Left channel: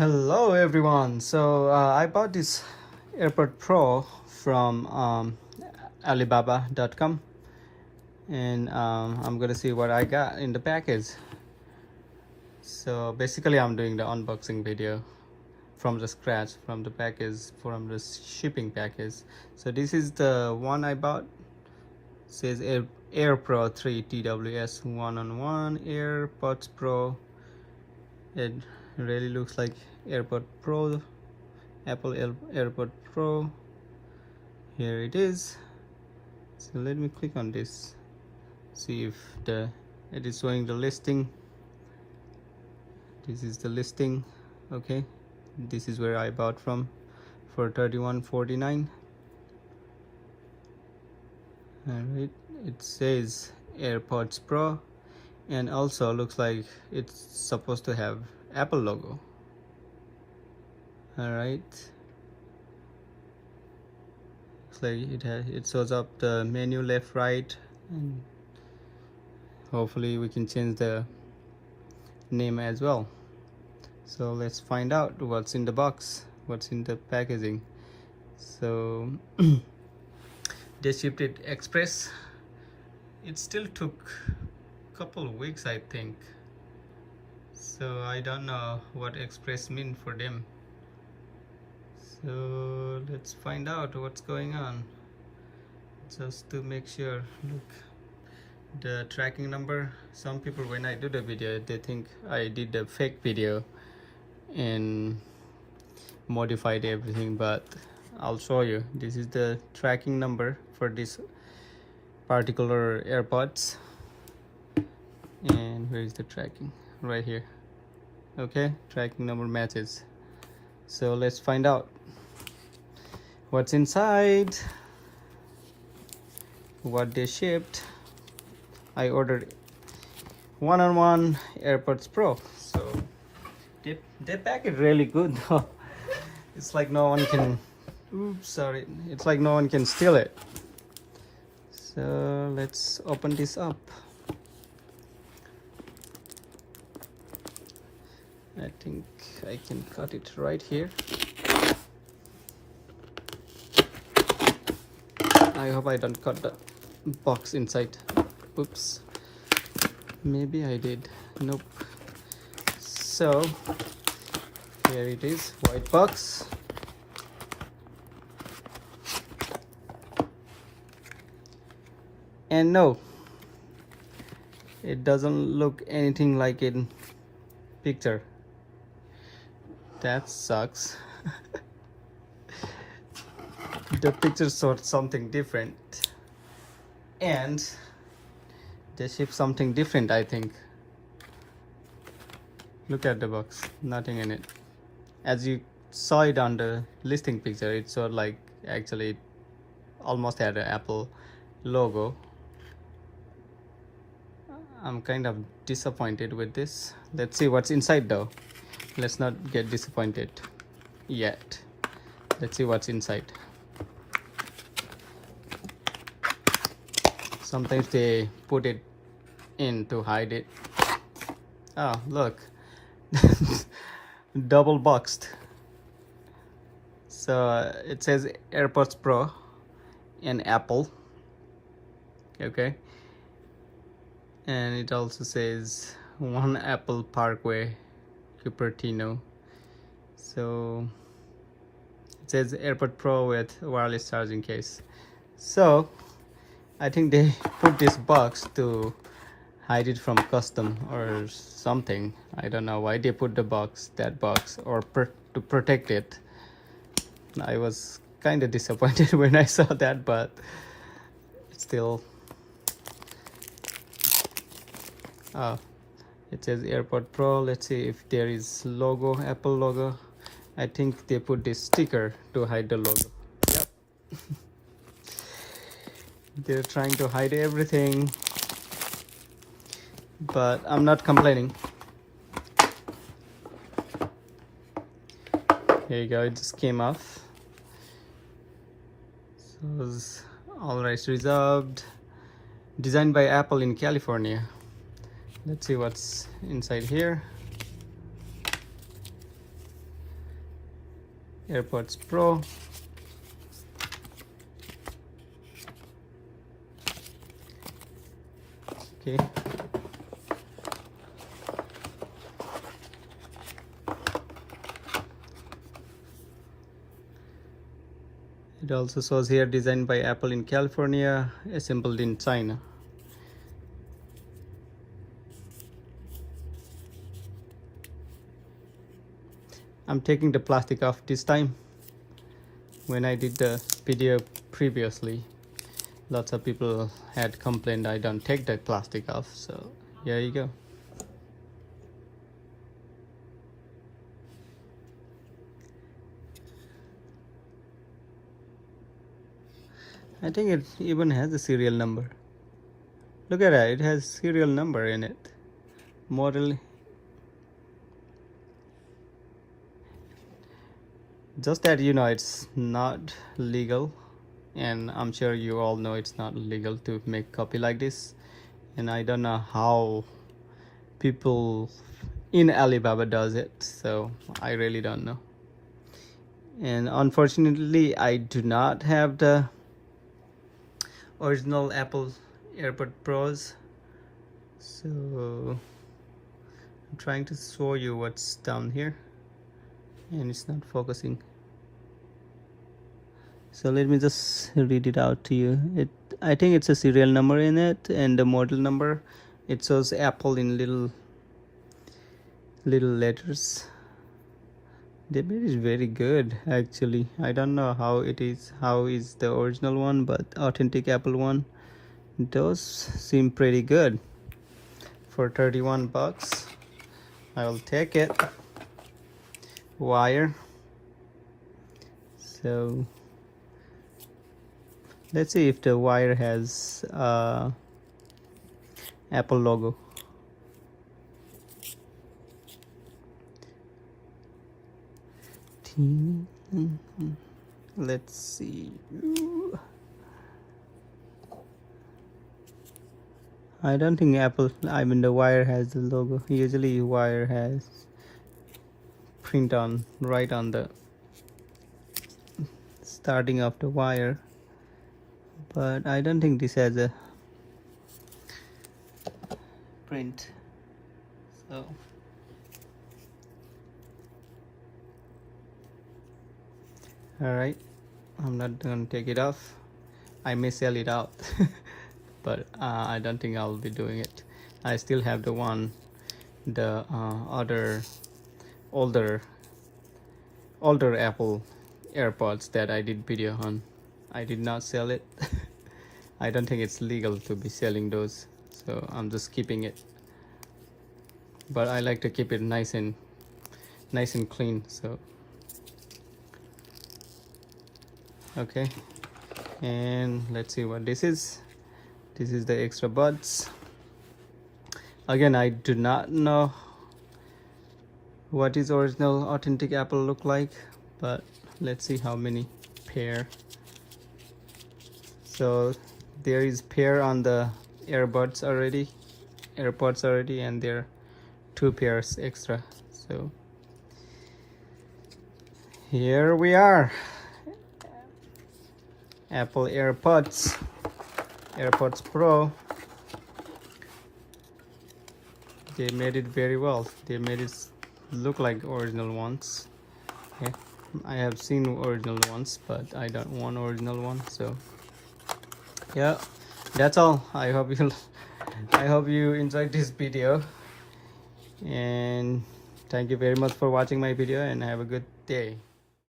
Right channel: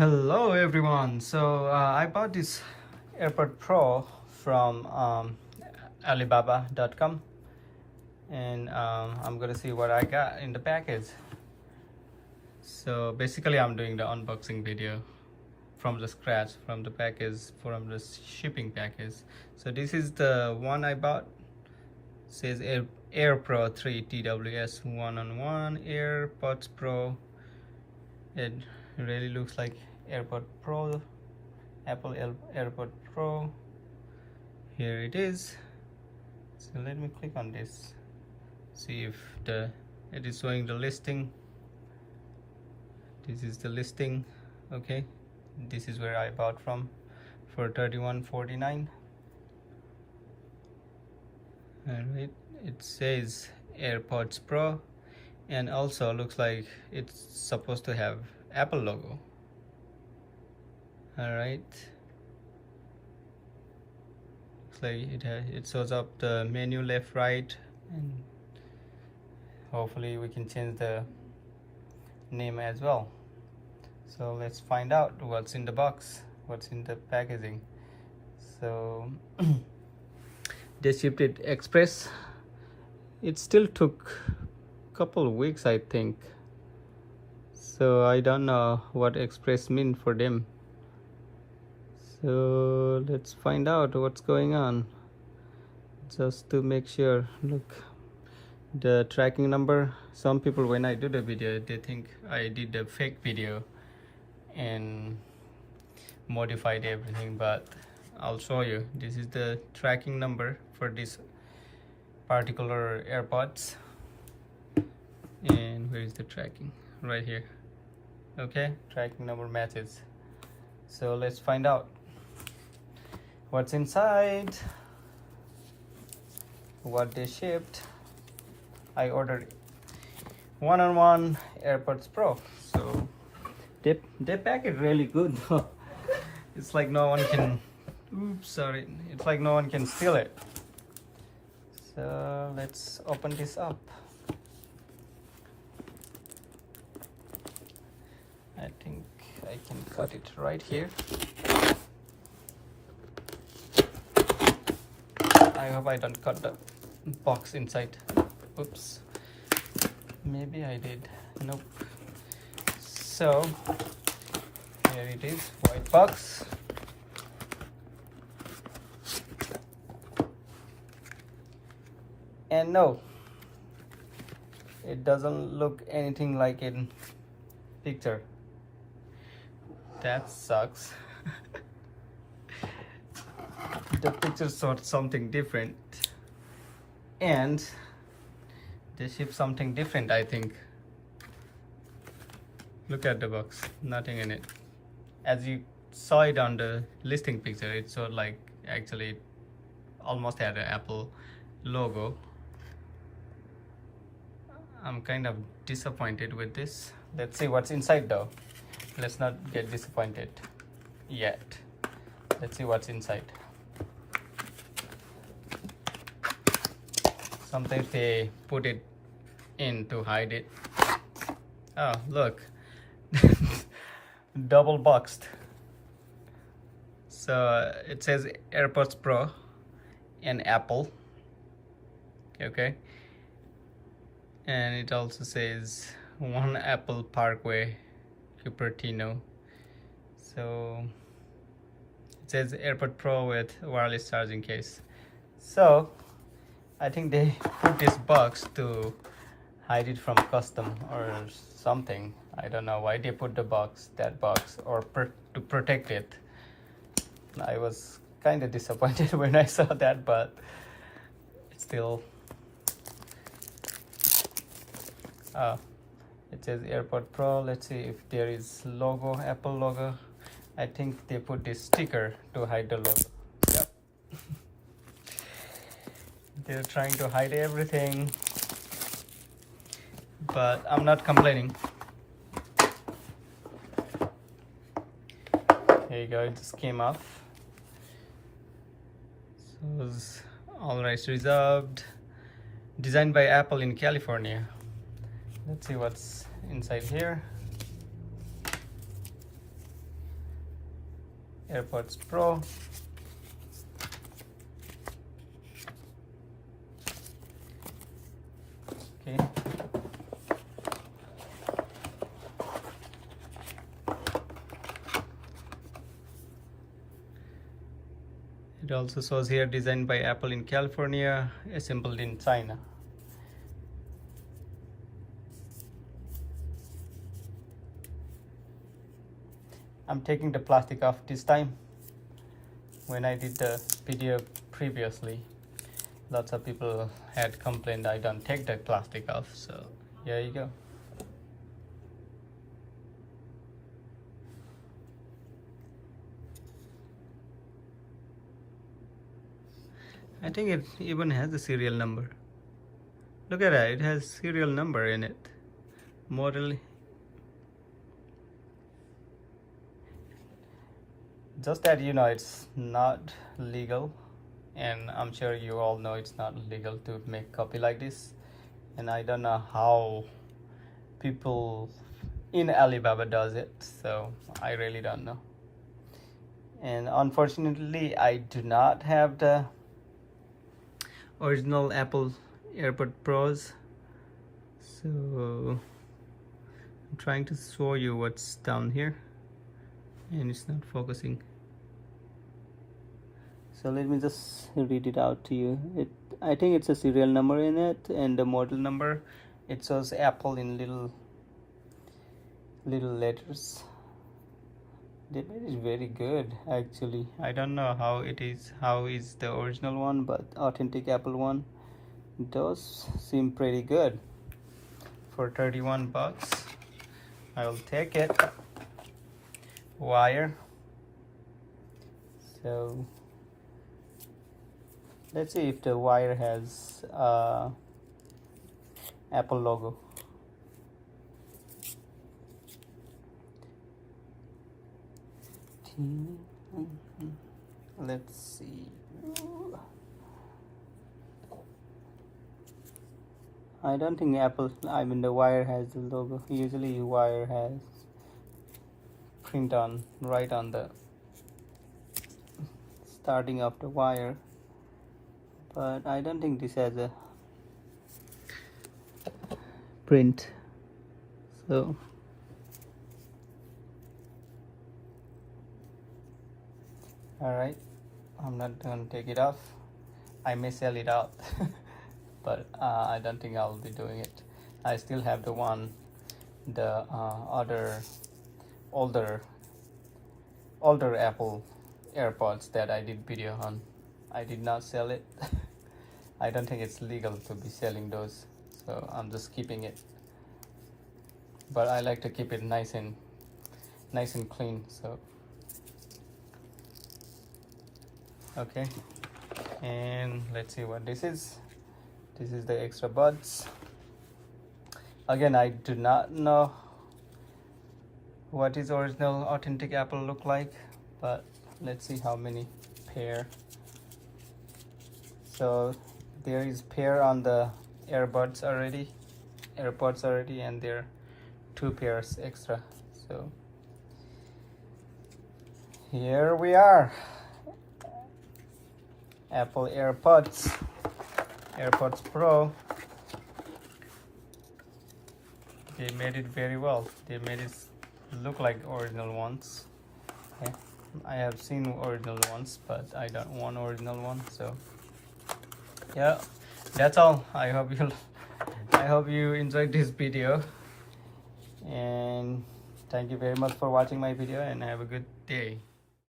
Hello everyone. So I bought this AirPod Pro from Alibaba.com, and I'm gonna see what I got in the package. So basically I'm doing the unboxing video from the scratch, from the package, from the shipping package. So this is the one I bought. It says Air Pro 3 TWS 1-on-1 AirPods Pro. It really looks like AirPod Pro, Apple AirPod Pro. Here it is. So let me click on this, see if it is showing the listing. This is the listing. Okay, this is where I bought from for $31.49. Alright, it says AirPods Pro, and also looks like it's supposed to have Apple logo. Alright, looks like it shows up the menu left, right, and hopefully we can change the name as well. So let's find out what's in the box, what's in the packaging. So they shipped it express. It still took a couple of weeks, I think. So I don't know what express mean for them. So let's find out what's going on, just to make sure. Look, the tracking number. Some people, when I do the video, they think I did a fake video and modified everything, but I'll show you. This is the tracking number for this particular AirPods, and where is the tracking? Right here. Okay, tracking number matches. So let's find out what's inside, what they shipped. I ordered 1-on-1 AirPods Pro, so they pack it really good though. It's like no one can, oops, sorry, it's like no one can steal it. So let's open this up. I think I can cut it right here. I hope I don't cut the box inside. Oops, maybe I did. Nope. So here it is, white box. And no, it doesn't look anything like in picture. That sucks. The picture showed something different, and they shipped something different, I think. Look at the box, nothing in it. As you saw it on the listing picture, it showed like actually it almost had an Apple logo. I'm kind of disappointed with this. Let's see what's inside though. Let's not get disappointed yet. Let's see what's inside. Sometimes they put it in to hide it. Oh, look. Double boxed. So it says AirPods Pro and Apple. Okay. And it also says 1 Apple Parkway, Cupertino. So it says AirPod Pro with wireless charging case. So I think they put this box to hide it from custom or something. I don't know why they put the box, that box, or to protect it. I was kind of disappointed when I saw that, but it's still. It says AirPod Pro. Let's see if there is logo, Apple logo. I think they put this sticker to hide the logo. Yep. They're trying to hide everything, but I'm not complaining. There you go, it just came off. So it was all rights reserved, designed by Apple in California. Let's see what's inside here. AirPods Pro. Okay. It also shows here designed by Apple in California, assembled in China. I'm taking the plastic off this time. When I did the video previously, lots of people had complained I don't take the plastic off, so there you go. I think it even has a serial number. Look at that, it has serial number in it. Model. Just that you know it's not legal, and I'm sure you all know it's not legal to make copy like this, and I don't know how people in Alibaba does it, so I really don't know. And unfortunately I do not have the original Apple AirPods Pros, so I'm trying to show you what's down here and it's not focusing. So let me just read it out to you. I think it's a serial number in it, and the model number, it shows Apple in little letters. They made it very good actually. I don't know how is the original one, but authentic Apple one, those seem pretty good. For 31 bucks I'll take it. Wire. So let's see if the wire has Apple logo. Let's see. I don't think the wire has the logo. Usually wire has print on right on the starting of the wire, but I don't think this has a print. So alright, I'm not gonna take it off. I may sell it out but I don't think I'll be doing it. I still have the other older Apple AirPods that I did video on. I did not sell it. I don't think it's legal to be selling those, so I'm just keeping it. But I like to keep it nice and clean, so okay. And let's see what this is. This is the extra buds. Again, I do not know what is original authentic Apple look like, but let's see how many pair. So there is pair on the AirPods already, and there are 2 pairs extra. So here we are. Apple AirPods Pro. They made it very well. They made it look like original ones. Okay. I have seen original ones, but I don't want original one. So yeah, that's all. I hope you enjoyed this video, and thank you very much for watching my video, and have a good day.